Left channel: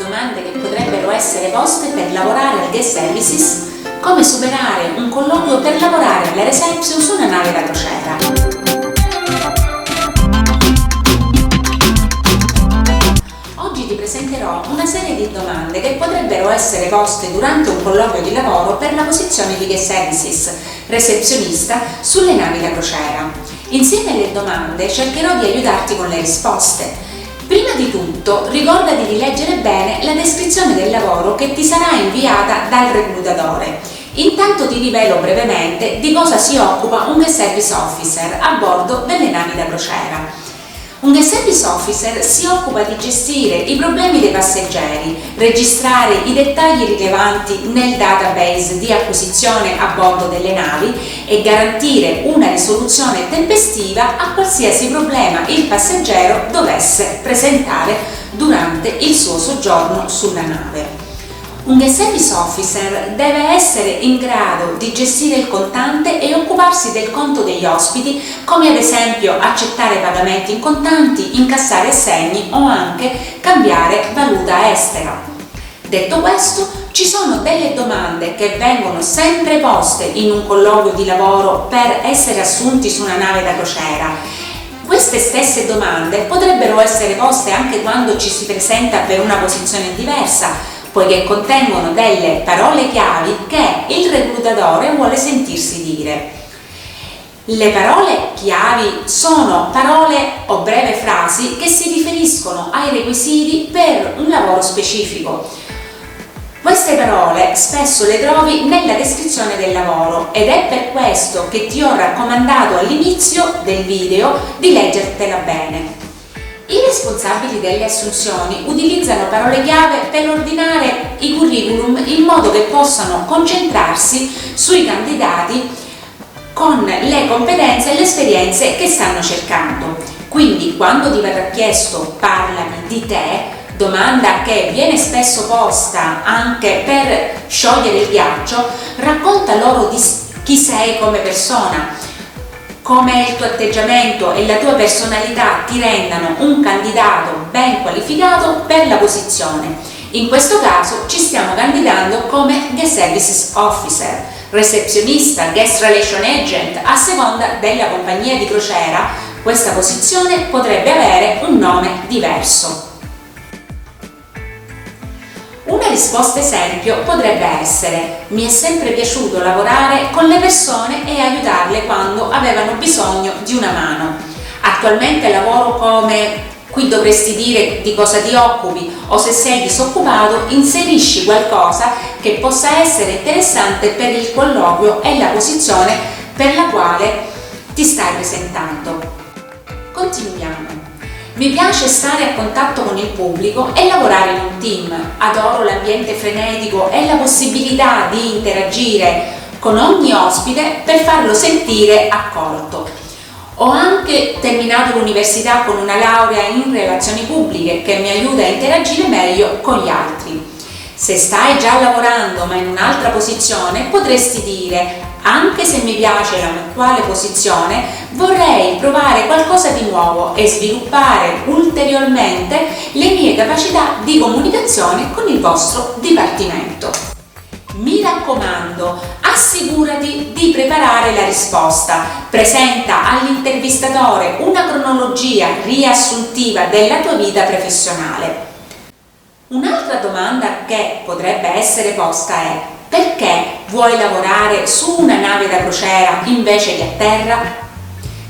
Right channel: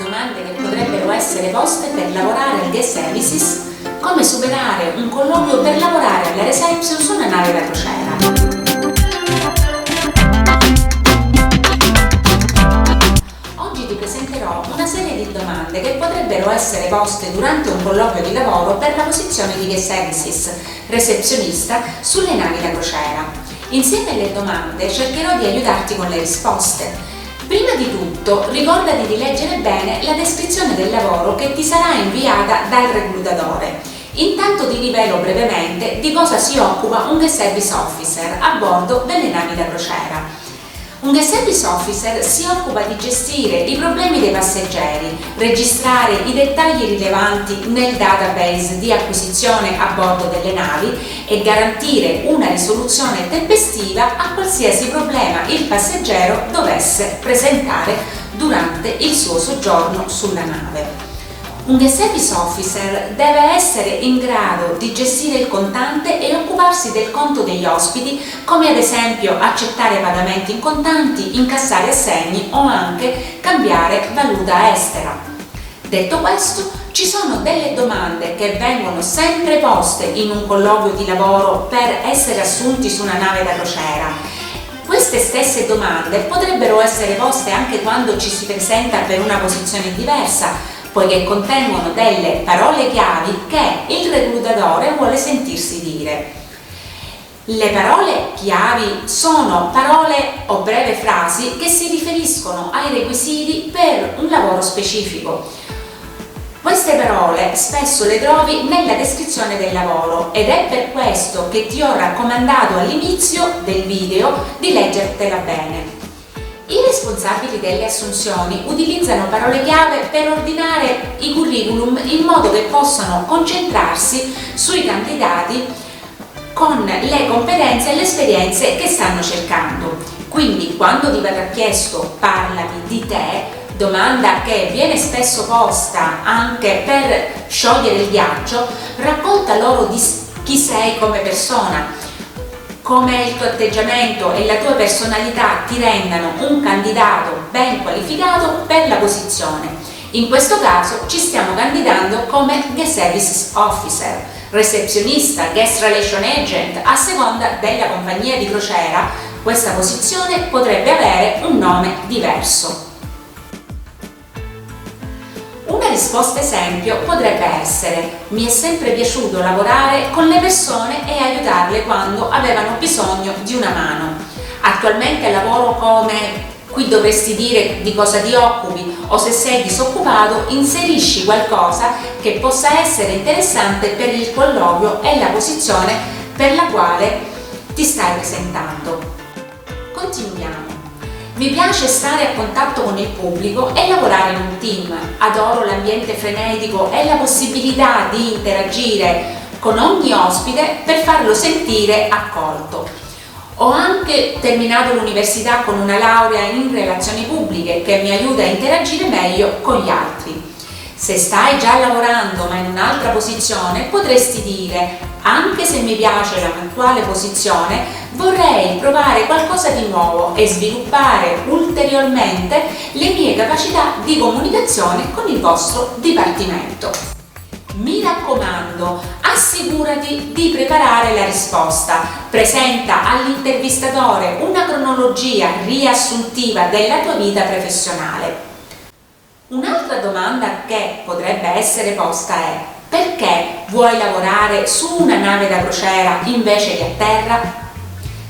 Domande che potrebbero essere poste per lavorare al guest services, come superare un colloquio per lavorare alla reception su una nave da crociera. Oggi ti presenterò una serie di domande che potrebbero essere poste durante un colloquio di lavoro per la posizione di guest services, recepzionista, sulle navi da crociera. Insieme alle domande cercherò di aiutarti con le risposte. Prima di tutto, ricordati di leggere bene la descrizione del lavoro che ti sarà inviata dal reclutatore. Intanto ti rivelo brevemente di cosa si occupa un guest service officer a bordo delle navi da crociera. Un guest service officer si occupa di gestire i problemi dei passeggeri, registrare i dettagli rilevanti nel database di acquisizione a bordo delle navi e garantire una risoluzione tempestiva a qualsiasi problema il passeggero dovesse presentare durante il suo soggiorno sulla nave. Un guest service officer deve essere in grado di gestire il contante e occuparsi del conto degli ospiti, come ad esempio accettare pagamenti in contanti, incassare assegni o anche cambiare valuta estera. Detto questo, ci sono delle domande che vengono sempre poste in un colloquio di lavoro per essere assunti su una nave da crociera. Queste stesse domande potrebbero essere poste anche quando ci si presenta per una posizione diversa, poiché contengono delle parole chiavi che il reclutatore vuole sentirsi dire. Le parole chiavi sono parole o breve frasi che si riferiscono ai requisiti per un lavoro specifico. Queste parole spesso le trovi nella descrizione del lavoro ed è per questo che ti ho raccomandato all'inizio del video di leggertela bene. I responsabili delle assunzioni utilizzano parole chiave per ordinare i curriculum in modo che possano concentrarsi sui candidati con le competenze e le esperienze che stanno cercando. Quindi quando ti verrà chiesto parlami di te, domanda che viene spesso posta anche per sciogliere il ghiaccio, racconta loro di chi sei come persona, come il tuo atteggiamento e la tua personalità ti rendano un candidato ben qualificato per la posizione. In questo caso ci stiamo candidando come Guest Services Officer, recepzionista, Guest Relation Agent, a seconda della compagnia di crociera. Questa posizione potrebbe avere un nome diverso. Una risposta esempio potrebbe essere: mi è sempre piaciuto lavorare con le persone e aiutarle quando avevano bisogno di una mano. Attualmente lavoro come, qui dovresti dire di cosa ti occupi, o se sei disoccupato inserisci qualcosa che possa essere interessante per il colloquio e la posizione per la quale ti stai presentando. Continuiamo. Mi piace stare a contatto con il pubblico e lavorare in un team. Adoro l'ambiente frenetico e la possibilità di interagire con ogni ospite per farlo sentire accolto. Ho anche terminato l'università con una laurea in relazioni pubbliche che mi aiuta a interagire meglio con gli altri. Se stai già lavorando ma in un'altra posizione, potresti dire: anche se mi piace la mia attuale posizione, vorrei provare qualcosa di nuovo e sviluppare ulteriormente le mie capacità di comunicazione con il vostro dipartimento. Mi raccomando, assicurati di preparare la risposta. Presenta all'intervistatore una cronologia riassuntiva della tua vita professionale. Un'altra domanda che potrebbe essere posta è: perché vuoi lavorare su una nave da crociera invece che a terra?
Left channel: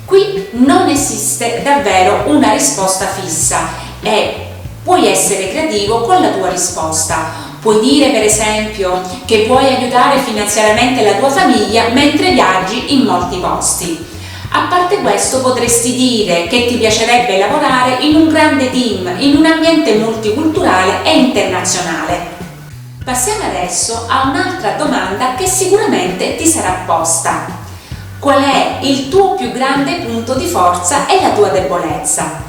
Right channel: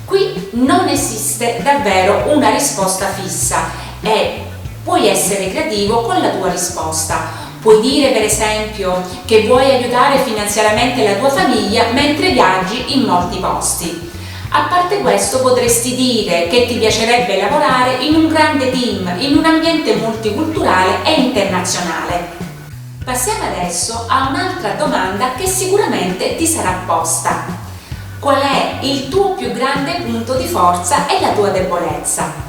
Qui non esiste davvero una risposta fissa e puoi essere creativo con la tua risposta. Puoi dire per esempio che vuoi aiutare finanziariamente la tua famiglia mentre viaggi in molti posti. A parte questo, potresti dire che ti piacerebbe lavorare in un grande team, in un ambiente multiculturale e internazionale. Passiamo adesso a un'altra domanda che sicuramente ti sarà posta. Qual è il tuo più grande punto di forza e la tua debolezza?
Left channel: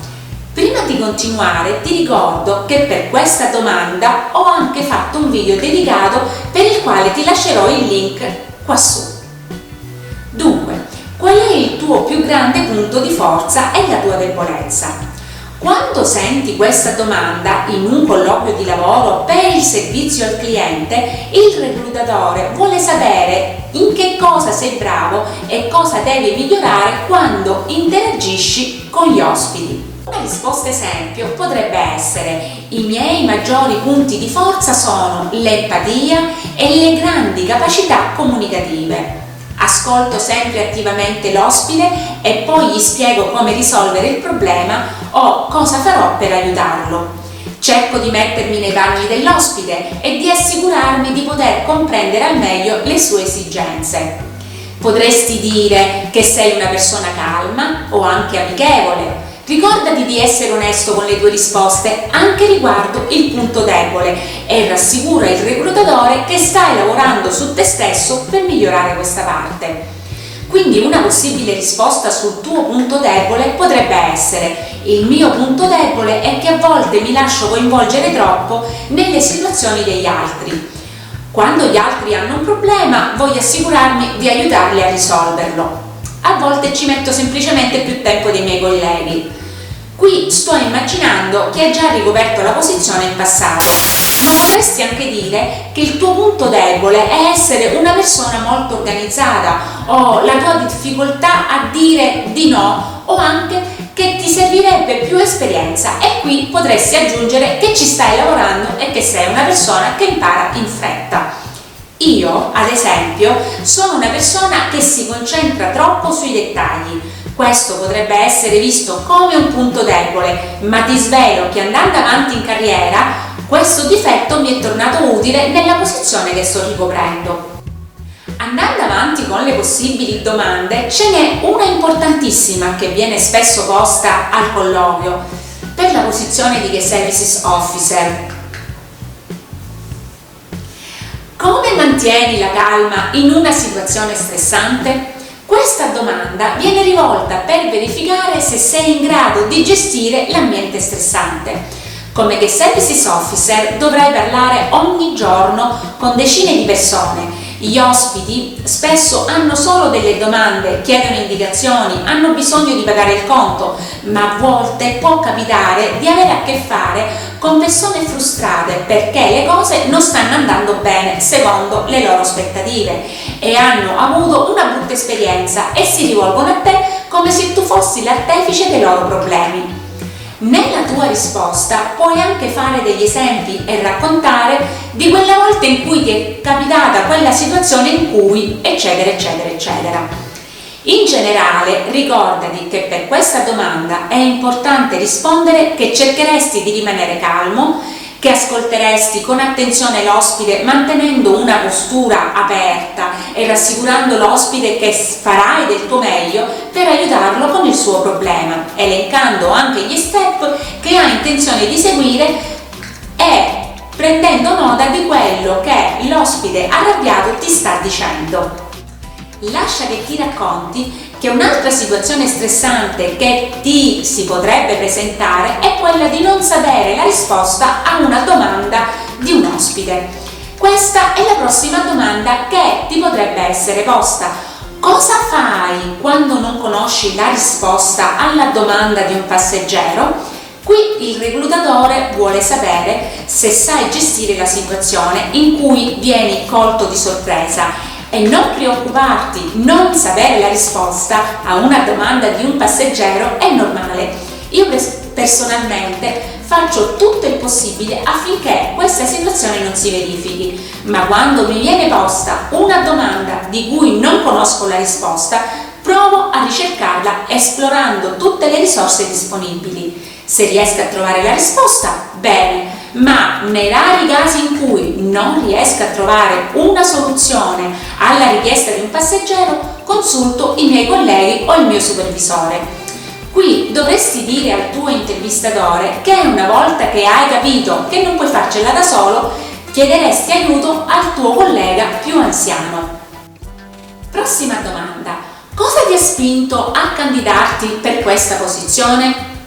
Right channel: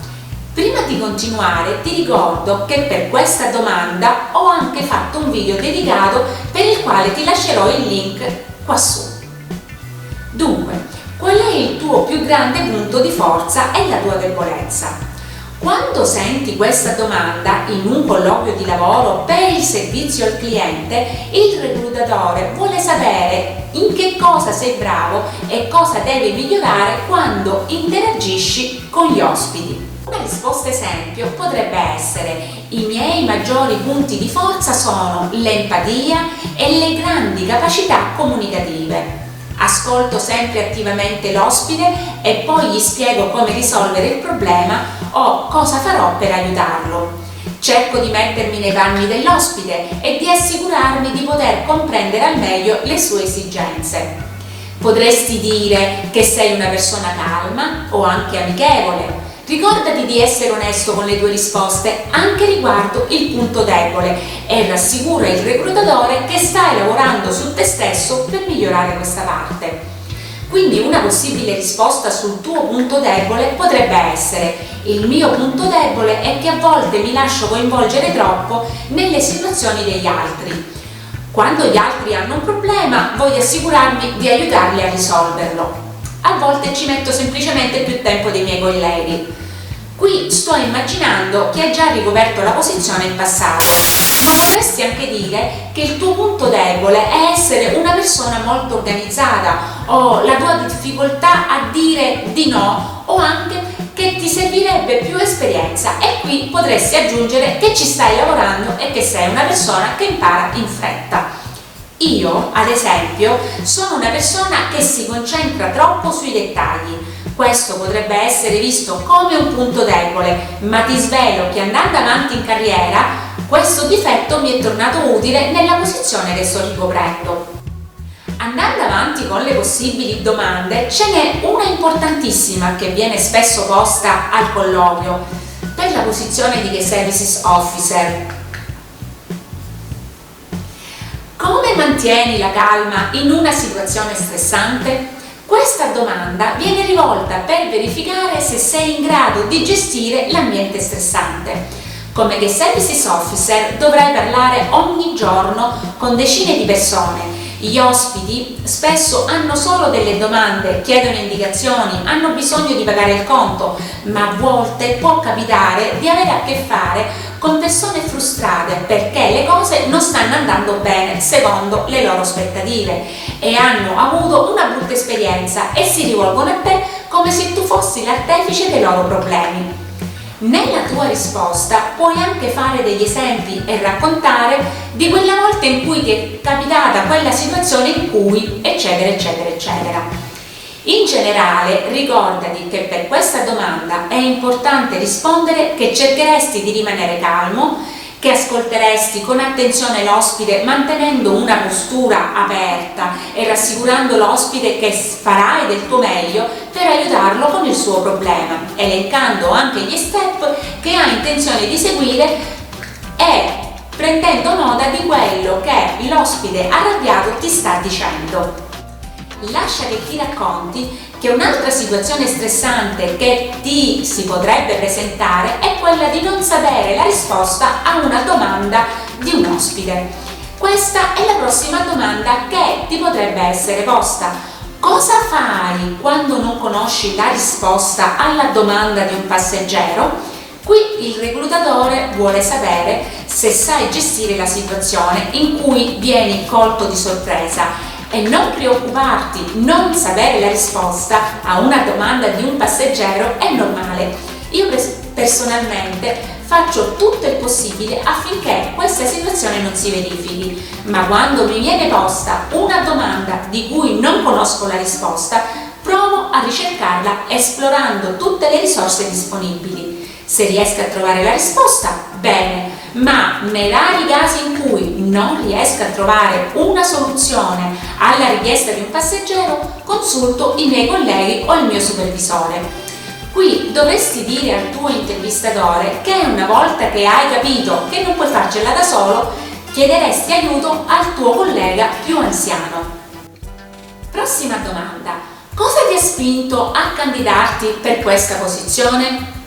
Prima di continuare ti ricordo che per questa domanda ho anche fatto un video dedicato per il quale ti lascerò il link qua su. Dunque, qual è il tuo più grande punto di forza e la tua debolezza? Quando senti questa domanda in un colloquio di lavoro per il servizio al cliente, il reclutatore vuole sapere in che cosa sei bravo e cosa devi migliorare quando interagisci con gli ospiti. Una risposta esempio potrebbe essere: i miei maggiori punti di forza sono l'empatia e le grandi capacità comunicative. Ascolto sempre attivamente l'ospite e poi gli spiego come risolvere il problema o cosa farò per aiutarlo. Cerco di mettermi nei panni dell'ospite e di assicurarmi di poter comprendere al meglio le sue esigenze. Potresti dire che sei una persona calma o anche amichevole. Ricordati di essere onesto con le tue risposte anche riguardo il punto debole e rassicura il reclutatore che stai lavorando su te stesso per migliorare questa parte. Quindi una possibile risposta sul tuo punto debole potrebbe essere: il mio punto debole è che a volte mi lascio coinvolgere troppo nelle situazioni degli altri. Quando gli altri hanno un problema voglio assicurarmi di aiutarli a risolverlo. A volte ci metto semplicemente più tempo dei miei colleghi. Qui sto immaginando chi ha già ricoperto la posizione in passato, ma potresti anche dire che il tuo punto debole è essere una persona molto organizzata o la tua difficoltà a dire di no o anche che ti servirebbe più esperienza, e qui potresti aggiungere che ci stai lavorando e che sei una persona che impara in fretta. Io, ad esempio, sono una persona che si concentra troppo sui dettagli. Questo potrebbe essere visto come un punto debole, ma ti svelo che andando avanti in carriera, questo difetto mi è tornato utile nella posizione che sto ricoprendo. Andando avanti con le possibili domande, ce n'è una importantissima che viene spesso posta al colloquio per la posizione di Guest Services Officer. Come mantieni la calma in una situazione stressante? Questa domanda viene rivolta per verificare se sei in grado di gestire l'ambiente stressante. Come Guest Services Officer dovrai parlare ogni giorno con decine di persone. Gli ospiti spesso hanno solo delle domande, chiedono indicazioni, hanno bisogno di pagare il conto, ma a volte può capitare di avere a che fare con persone frustrate perché le cose non stanno andando bene secondo le loro aspettative e hanno avuto una brutta esperienza e si rivolgono a te come se tu fossi l'artefice dei loro problemi. Nella tua risposta puoi anche fare degli esempi e raccontare di quella volta in cui ti è capitata quella situazione in cui eccetera eccetera eccetera. In generale, ricordati che per questa domanda è importante rispondere che cercheresti di rimanere calmo, che ascolteresti con attenzione l'ospite mantenendo una postura aperta e rassicurando l'ospite che farai del tuo meglio per aiutarlo con il suo problema, elencando anche gli step che hai intenzione di seguire e prendendo nota di quello che l'ospite arrabbiato ti sta dicendo. Lascia che ti racconti che un'altra situazione stressante che ti si potrebbe presentare è quella di non sapere la risposta a una domanda di un ospite. Questa è la prossima domanda che ti potrebbe essere posta. Cosa fai quando non conosci la risposta alla domanda di un passeggero? Qui il reclutatore vuole sapere se sai gestire la situazione in cui vieni colto di sorpresa. E non preoccuparti, non sapere la risposta a una domanda di un passeggero è normale. Io personalmente faccio tutto il possibile affinché questa situazione non si verifichi, ma quando mi viene posta una domanda di cui non conosco la risposta, provo a ricercarla esplorando tutte le risorse disponibili. Se riesco a trovare la risposta, bene, ma nei rari casi in cui non riesco a trovare una soluzione alla richiesta di un passeggero, consulto i miei colleghi o il mio supervisore. Qui dovresti dire al tuo intervistatore che una volta che hai capito che non puoi farcela da solo, chiederesti aiuto al tuo collega più anziano. Prossima domanda: cosa ti ha spinto a candidarti per questa posizione?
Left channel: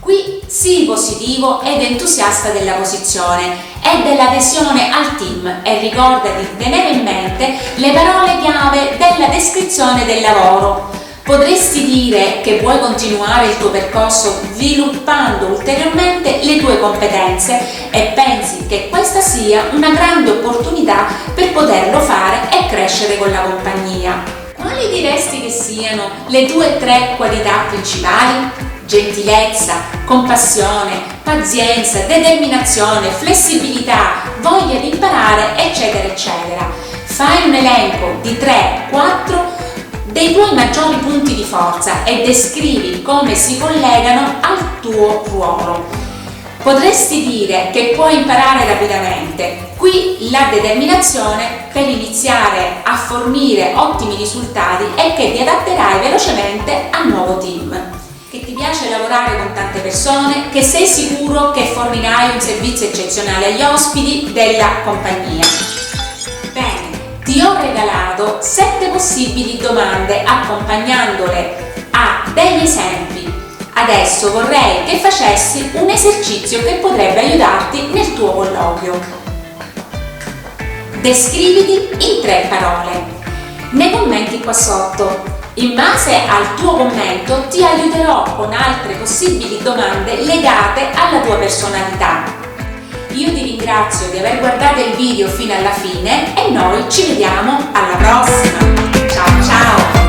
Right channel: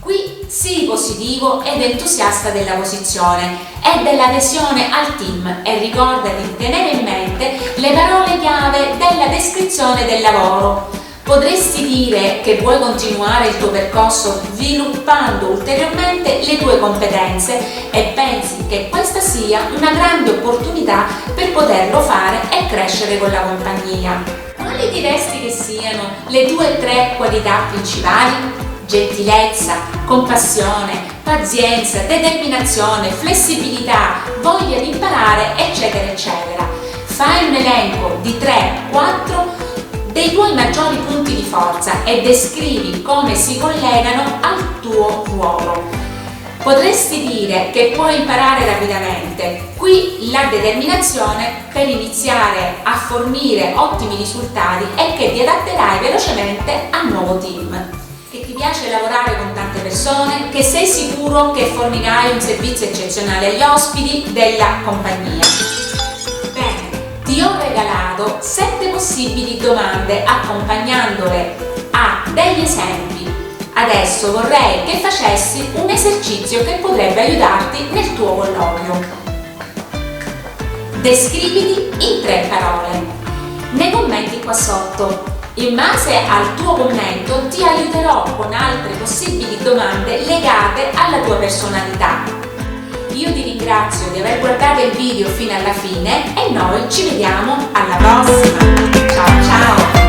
Qui sii positivo ed entusiasta della posizione e dell'adesione al team e ricordati di tenere in mente le parole chiave della descrizione del lavoro. Potresti dire che vuoi continuare il tuo percorso sviluppando ulteriormente le tue competenze e pensi che questa sia una grande opportunità per poterlo fare e crescere con la compagnia. Quali diresti che siano le tue 3 qualità principali? Gentilezza, compassione, pazienza, determinazione, flessibilità, voglia di imparare, eccetera, eccetera. Fai un elenco di 3-4 dei tuoi maggiori punti di forza e descrivi come si collegano al tuo ruolo. Potresti dire che puoi imparare rapidamente. Qui la determinazione per iniziare a fornire ottimi risultati e che ti adatterai velocemente al nuovo team. Che ti piace lavorare con tante persone, che sei sicuro che fornirai un servizio eccezionale agli ospiti della compagnia. Ti ho regalato 7 possibili domande accompagnandole a degli esempi. Adesso vorrei che facessi un esercizio che potrebbe aiutarti nel tuo colloquio. Descriviti in 3 parole. Nei commenti qua sotto. In base al tuo commento ti aiuterò con altre possibili domande legate alla tua personalità. Io ti ringrazio di aver guardato il video fino alla fine e noi ci vediamo alla prossima. Ciao ciao!